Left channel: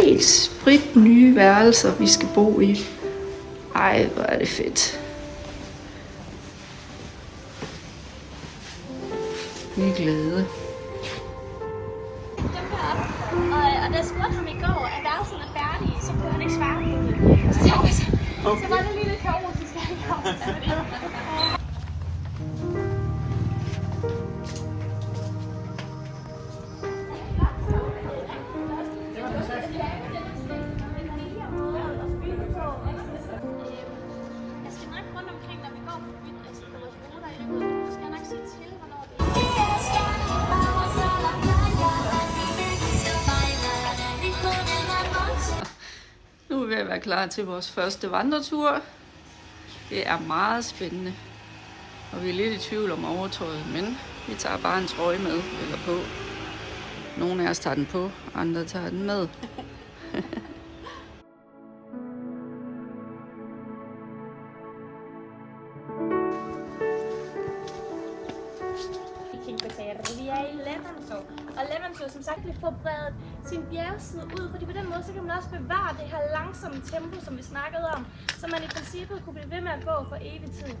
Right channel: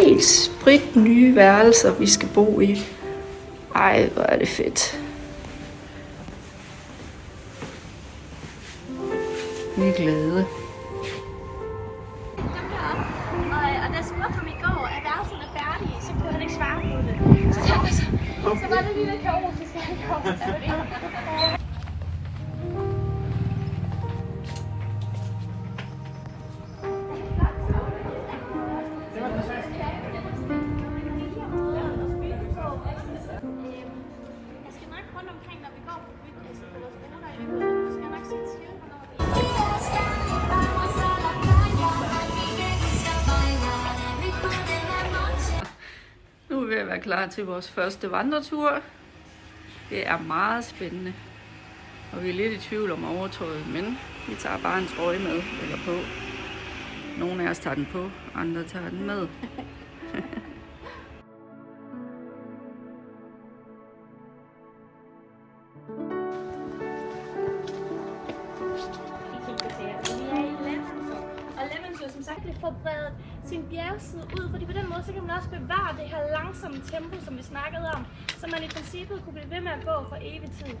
helt sprit nye værelser, vi skal bo i. Ej, hvor er det fedt. Vi er glade. Og da jeg spurgte ham i går, at værelsen er færdig, så kunne han ikke svare på det. Så var det lige lidt kaotisk, at han kom. Jeg skal nok rundt omkring, når vi går på vores ruter. Jeg skal nok sige til, Nu er vi ved at være klar til vores første vandretur. Det er meget spændende. Og vi er lidt i tvivl om overtøjet, men vi tager bare en trøje med eller på. Nogle af os tager den på, andre tager den med. Vi er i Levanto, og Levanto som sagt bliver forbredet sin bjergside ud, fordi på den måde så kan man også bevare det her langsomme tempo, som vi snakkede om, så man i princippet kunne blive ved med at gå for evig tid.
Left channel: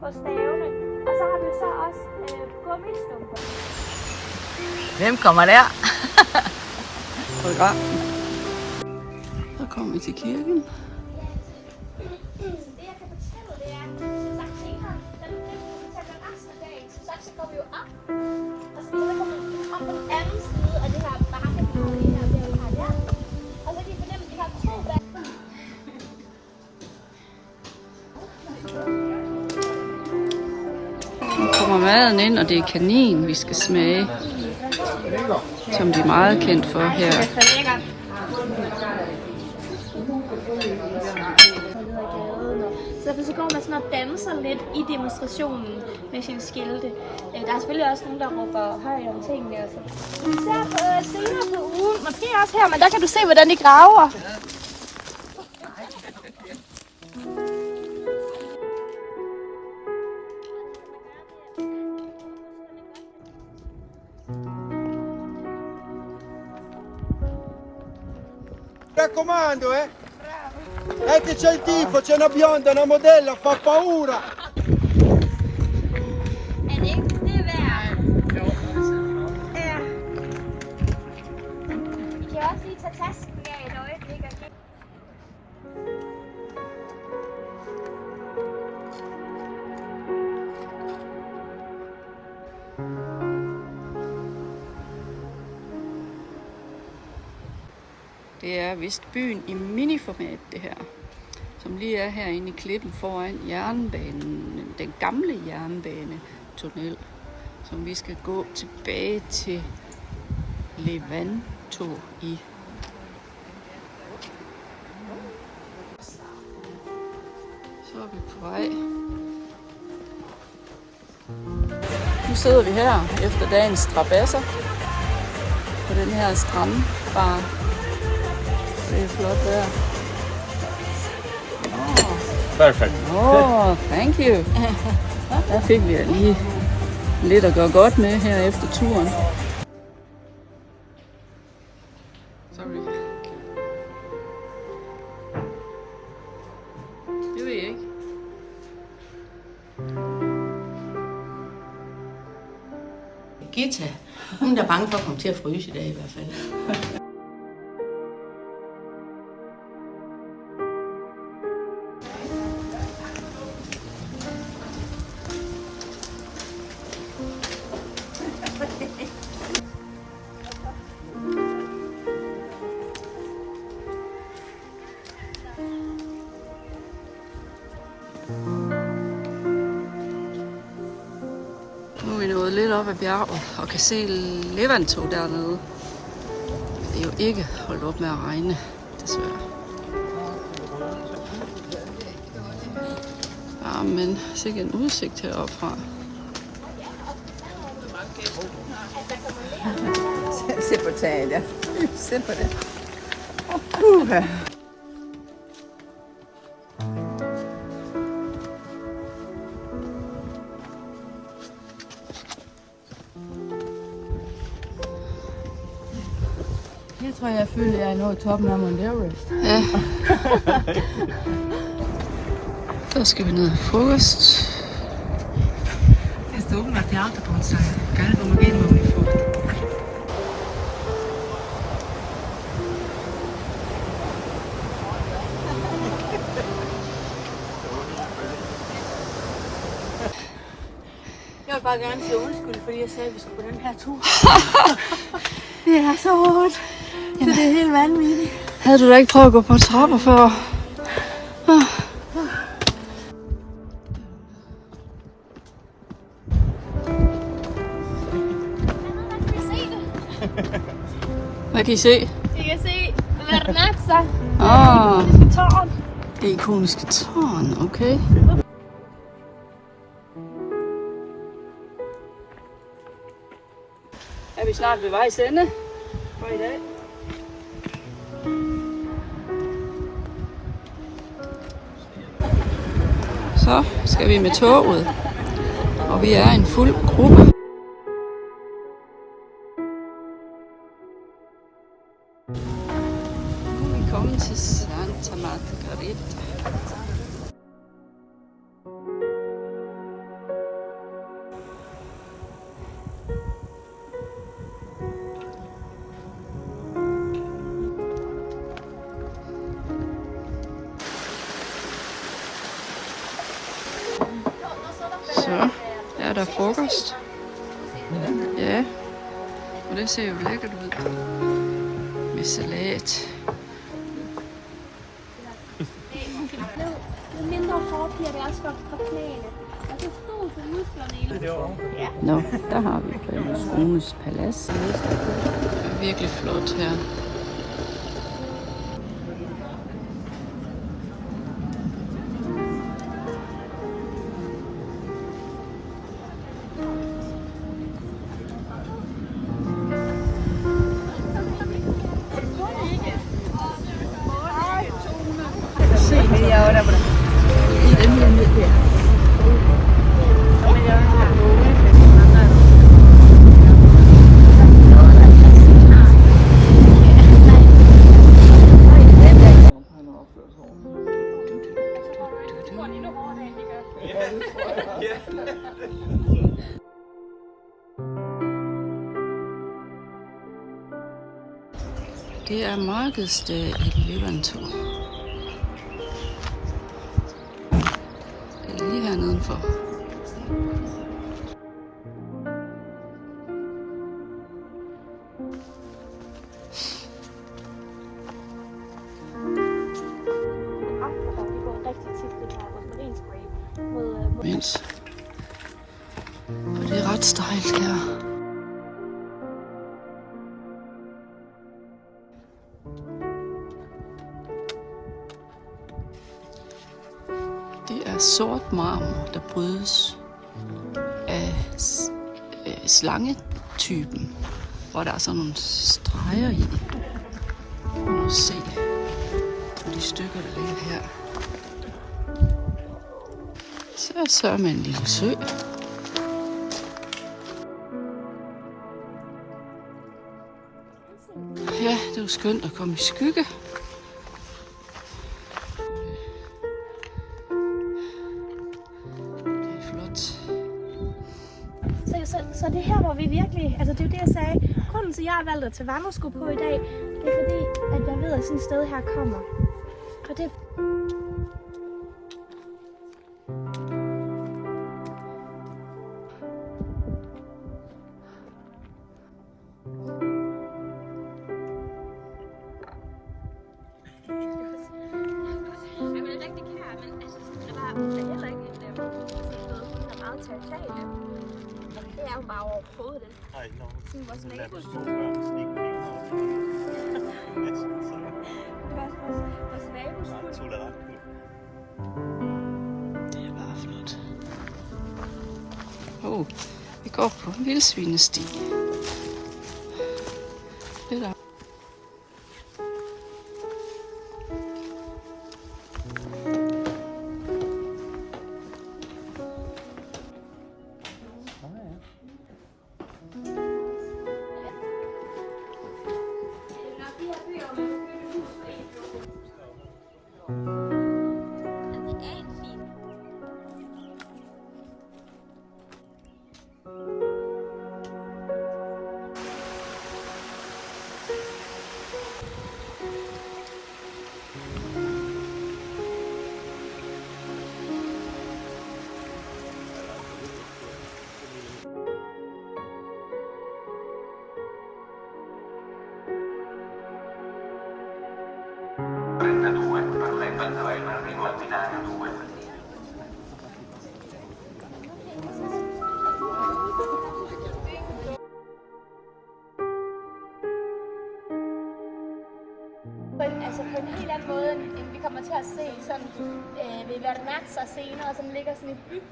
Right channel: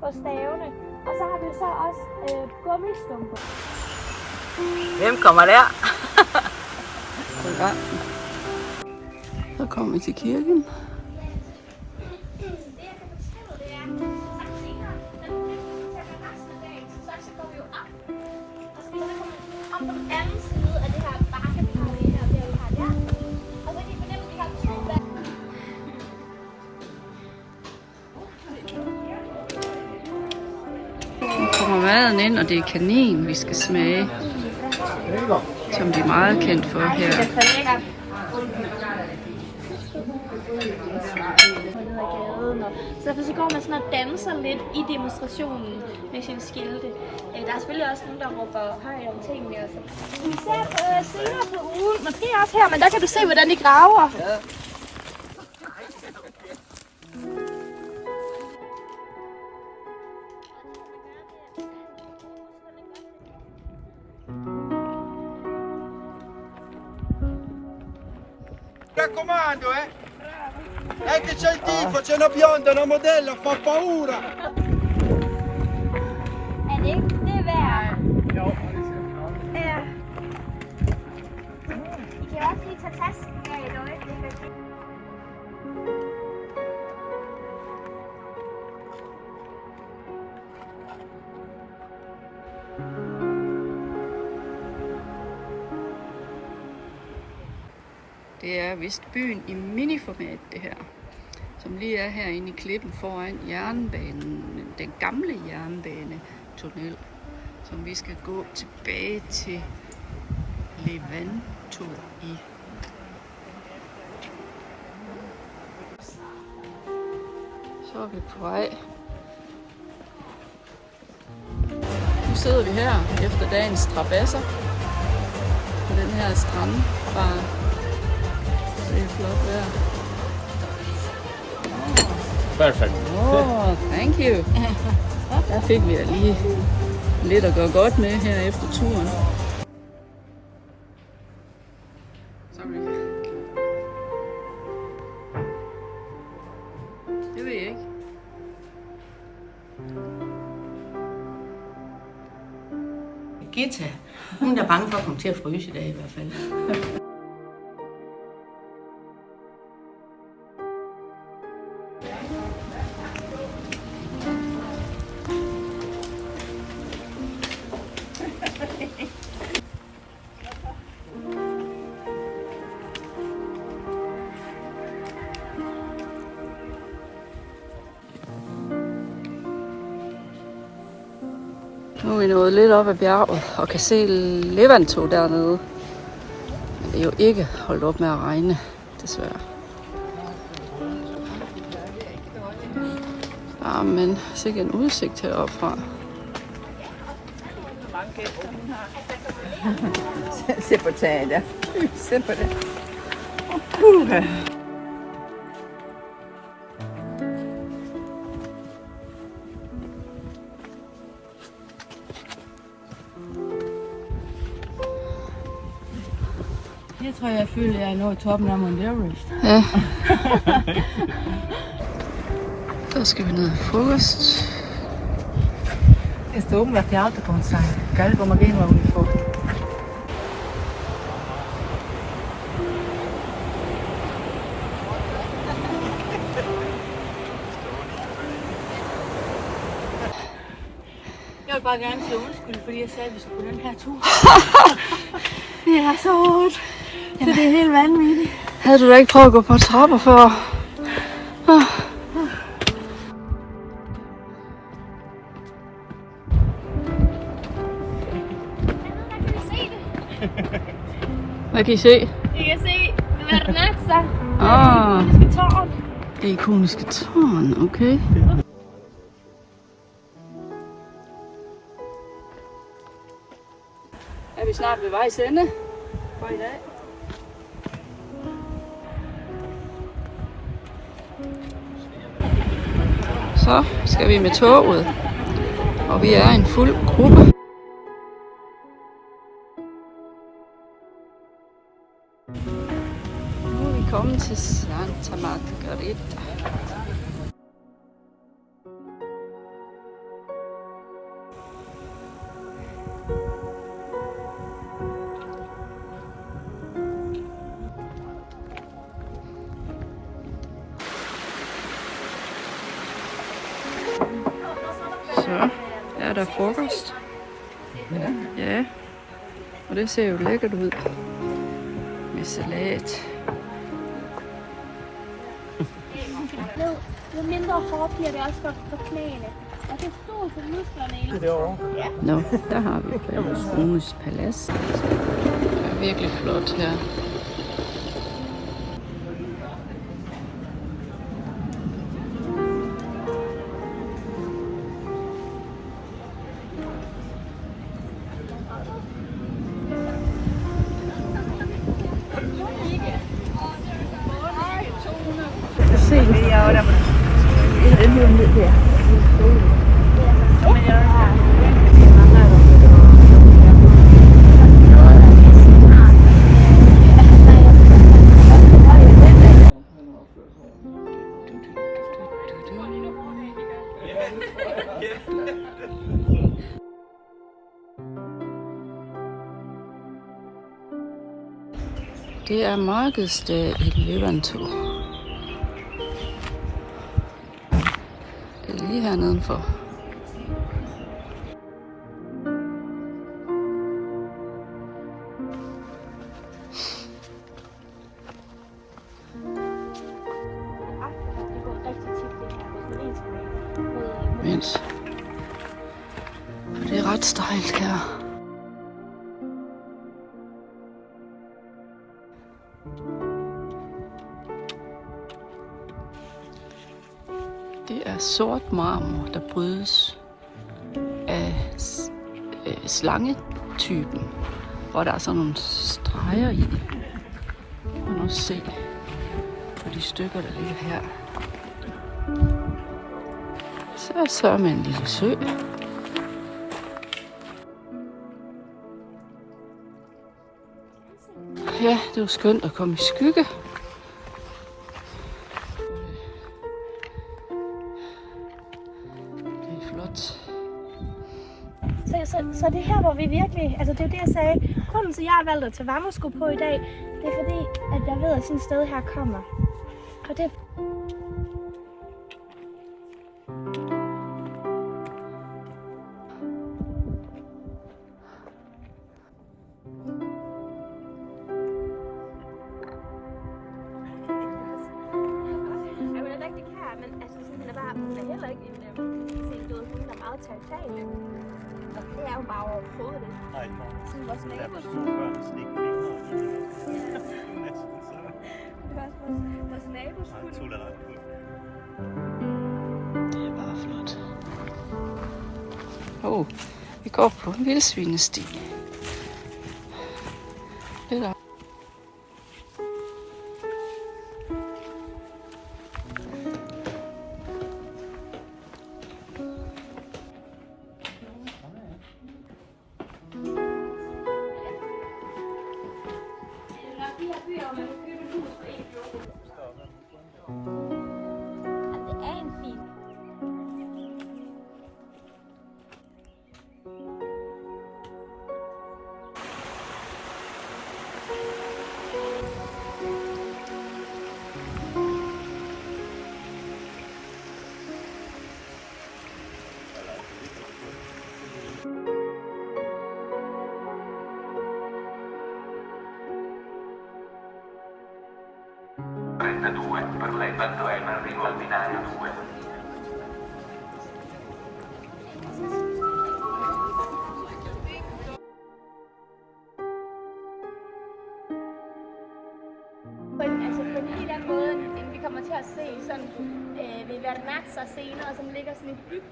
På stavene, og så har vi så også gummistumper. Hvem kommer der? Så kommer vi til kirken. Nu kommer maden ind, og det er kanin, vi skal smage. Som de er meget kendt for her. Så derfor så går man sådan og danser lidt i demonstrationen med sine skilte. Der er selvfølgelig også nogen, der råber højt om tingene. Altså. Senere på ugen, måske også her, men der kan du se, hvordan de graver. Mi raccomando, che c'è il tifo, c'è una bionda, una modella, fa paura! Er det ikke det værd? Vi kan også lige tage tasken af et øjeblik. Det er vist byen i miniformat, det her. Som lige er herinde i klippen foran jernbanen. Den gamle jernbanetunnel. Som vi skal gå tilbage til Levanto i. Så er vi på vej. Nu sidder vi her efter dagens strabasser på den her strandbar. Det er flot der. Perfekt. Thank you. Der fik vi lige lidt at gøre godt med her efter turen. Sorry. Det ved jeg ikke. Gita, hun er bange for at komme til at fryse i dag i hvert fald. Nu er vi nået lidt op ad bjerget og kan se Levanto dernede. Det er jo ikke holdt op med at regne, desværre. Ja, men sikke en udsigt heroppe fra. Se på taget der. Se på det. Jeg tror, jeg føler, at jeg er nået toppen af Mount Everest. Ja. Så skal vi ned i frokost. Este om la alta como sai. Geil, wo man gehen wollen nicht fort. Jeg vil bare gerne sige undskyld, fordi jeg sagde, at vi skulle på den her tur. Det er så hårdt. Så det er helt vanvittigt. Havde du da ikke prøvet at gå på trapper før? Hvad kan I se? I kan se Vernazza. Tårn. Det ikoniske tårn, okay. Er vi snart ved vejs ende for i dag? Så skal vi med toget, og vi er en fuld gruppe. Nu er vi kommet til Santa Margherita. Så er der frokost. Ja, og det ser jo lækkert ud. Med salat. Jo mindre hårdt bliver det også for knæene. Og det stod på musklerne i det. Nå, der har vi Runes Palads. Det er virkelig flot her. Det er markedsdag i Levanto. Det er lige her nedenfor. Mens. Og det er ret stejlt her. Det er sort marmor, der brydes af slangetypen, hvor der er sådan nogle streger i. Det kan man også se på de stykker, der ligger her. Så er med en lille sø. Ja, det var skønt at komme i skygge. Så det her, hvor vi virkelig, altså det er det, jeg sagde, grunden til, at jeg har valgt at tage vandresko på i dag, det er fordi, at jeg ved, at sådan et sted her kommer. Og det Ej, nå. Så lader du små børn stikke fingre op i det. Nej, tolerant. Det er bare flot. Vi går på en vildsvinesti. Eller scener, som ligger sådan i by.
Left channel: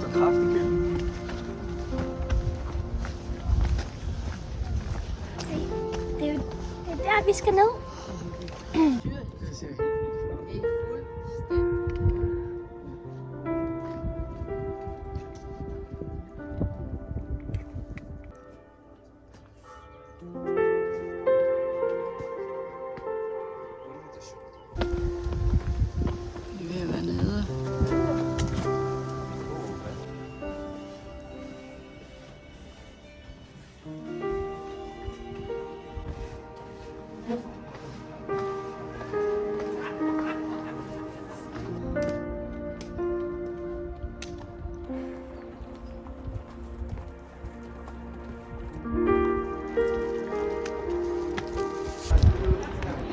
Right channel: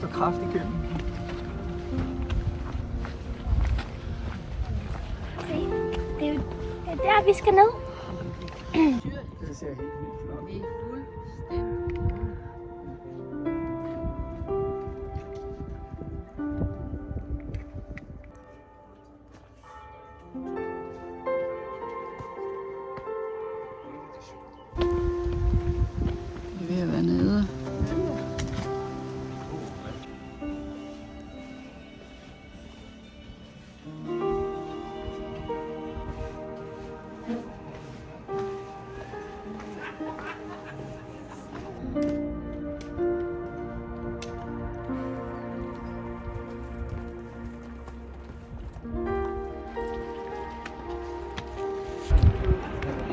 Så kraftig køkken. Se, det er jo der, vi skal ned. Det ser helt vildt flot ud. Vi er ved at være nede.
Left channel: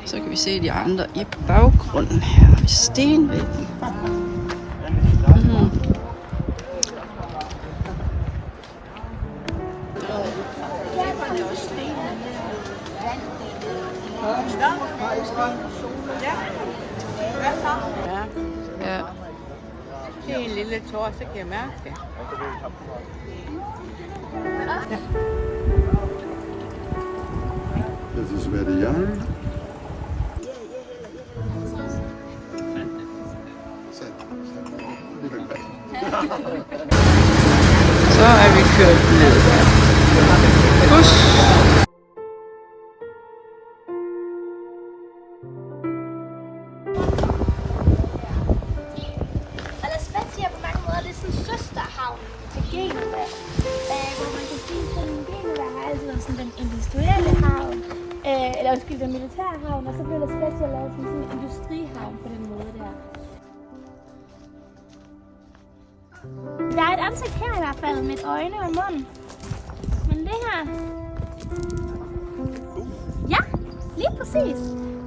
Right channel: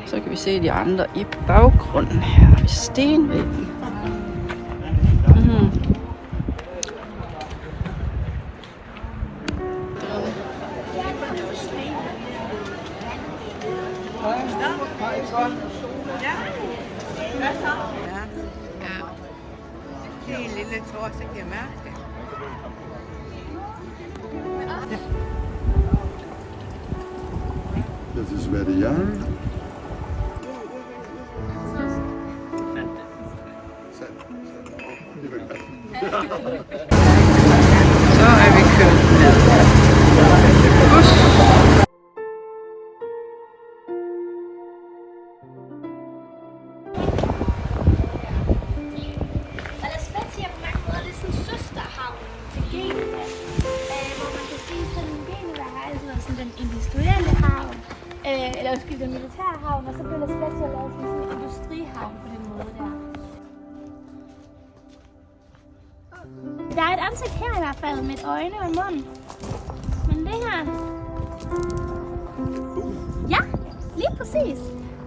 Så kan vi se de andre i baggrunden. Her har vi stenvæggen. Ja. Det er en lille tår, så kan jeg mærke det. Das ist Verian. Så er vi kørt ned. Bus. Og La Spezia på mange måder, det er sådan en søsterhavn til Genova. Hvor man kan sige, at Genova har altid været sådan den industrielle havn. Eller undskyld, den militære havn, og så blev La Spezia lavet som sådan en industrihavn på den måde der. Der er et ansigt her i hvert fald, med et øjne og en mund. Men det her... Ja, lige præcis.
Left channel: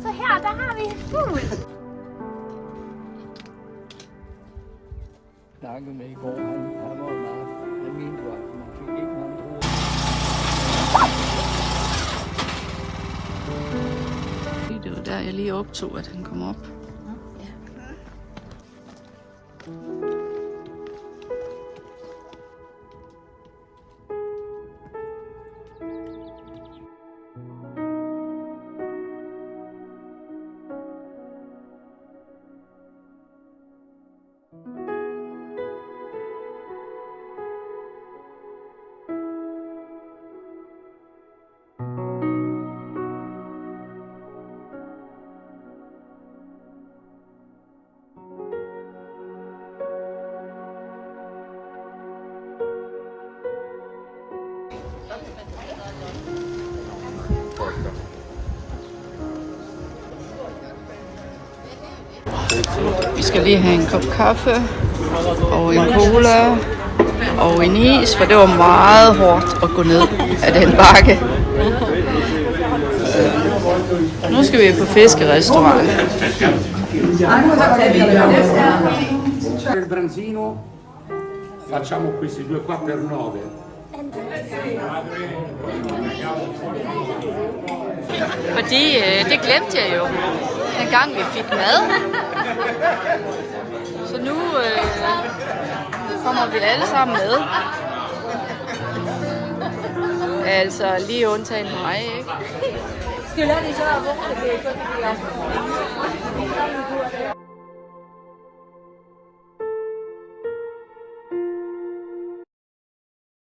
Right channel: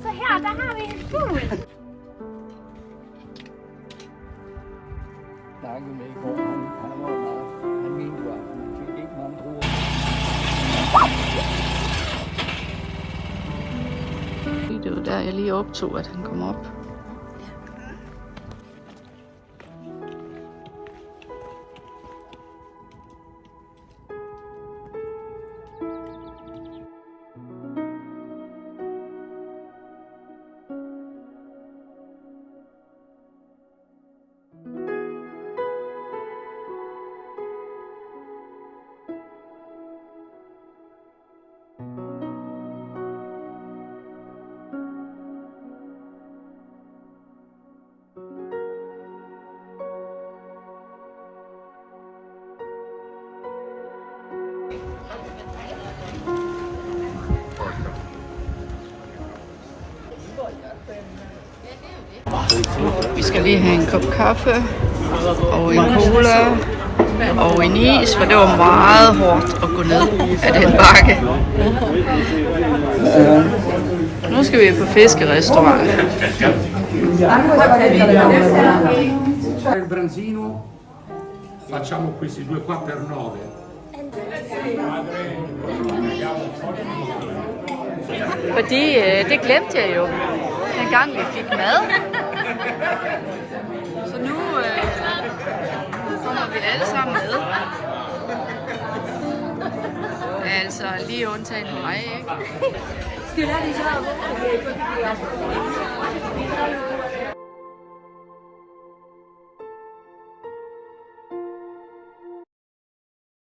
Så her, der har vi en fugl. Snakkede med i går, han var meget, han mente jo, at man fik ikke mange druer. Det var der, jeg lige optog, at han kom op. Vi skal lige have en kop kaffe og en cola og en is, for det var meget hårdt at gå ned af den bakke. Nu skal vi på fiskerestaurant. Il branzino facciamo questi due qua per 9. Fordi det glemte jeg jo, dengang vi fik mad. Så nu kommer vi alle sammen med. Altså lige undtagen mig, ikke?